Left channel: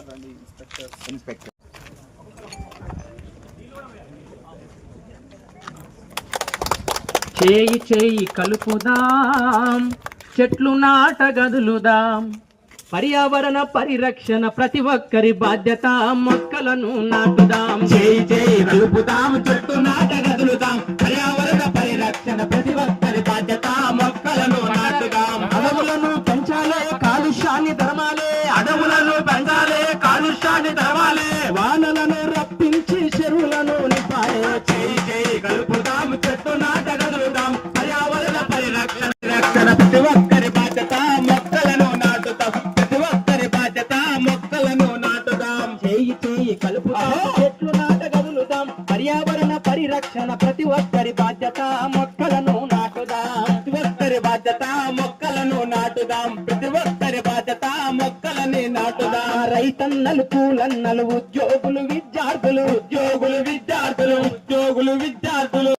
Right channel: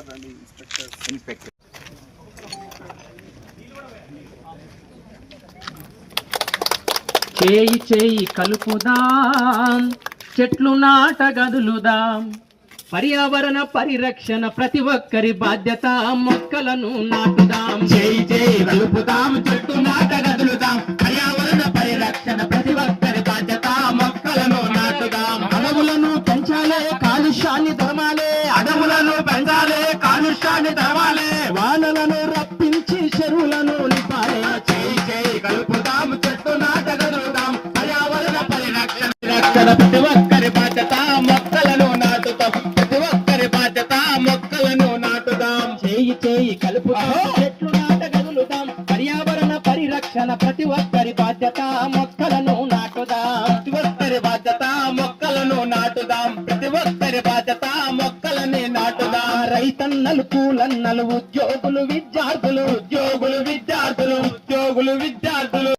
Inspector చేయి చేయి కలుపుదాం, చెట్లు నాటగదులుదాం. పర్యావరణ పరిరక్షణ ప్రతి ఒక్కరి బాధ్యత, మొక్కలను నాటుదాం. చేయి చేయి కలుపుదాం, చెట్లు నాటగదులుదాం. పర్యావరణ పరిరక్షణ ప్రతి ఒక్కరి బాధ్యత, మొక్కలను నాటుదాం. అడవులను పెంచాలే, కాలుష్యాన్ని ధర్మాలే. అడవులను పెంచాలే, కాలుష్యాన్ని తరమాలే. వానలను రప్పించి చెరువులను నింపాలే. చేయి చేయి కలుపుదాం, చెట్లు నాటగదులుదాం. పర్యావరణ పరిరక్షణ ప్రతి ఒక్కరి బాధ్యత, మొక్కలను నాటుదాం. ప్రతి ఒక్కరి బాధ్యత, మొక్కలను నాటుదాం. చేయి చేయి కలుపుదాం, చెట్లు నాటగదులుదాం. పర్యావరణ పరిరక్షణ ప్రతి ఒక్కరి బాధ్యత, మొక్కలను నాటుదాం. ప్రతి ఒక్కరి బాధ్యత, మొక్కలను నాటుదాం. ప్రతి ఒక్కరి బాధ్యత, మొక్కలని నాటుదాం. రైతన్నలు, కూలన్నలు, ఉద్యోగులు, విద్యార్థులు, ఉద్యోగులు విద్యార్థులు, ఉద్యోగులు విద్యార్థులు.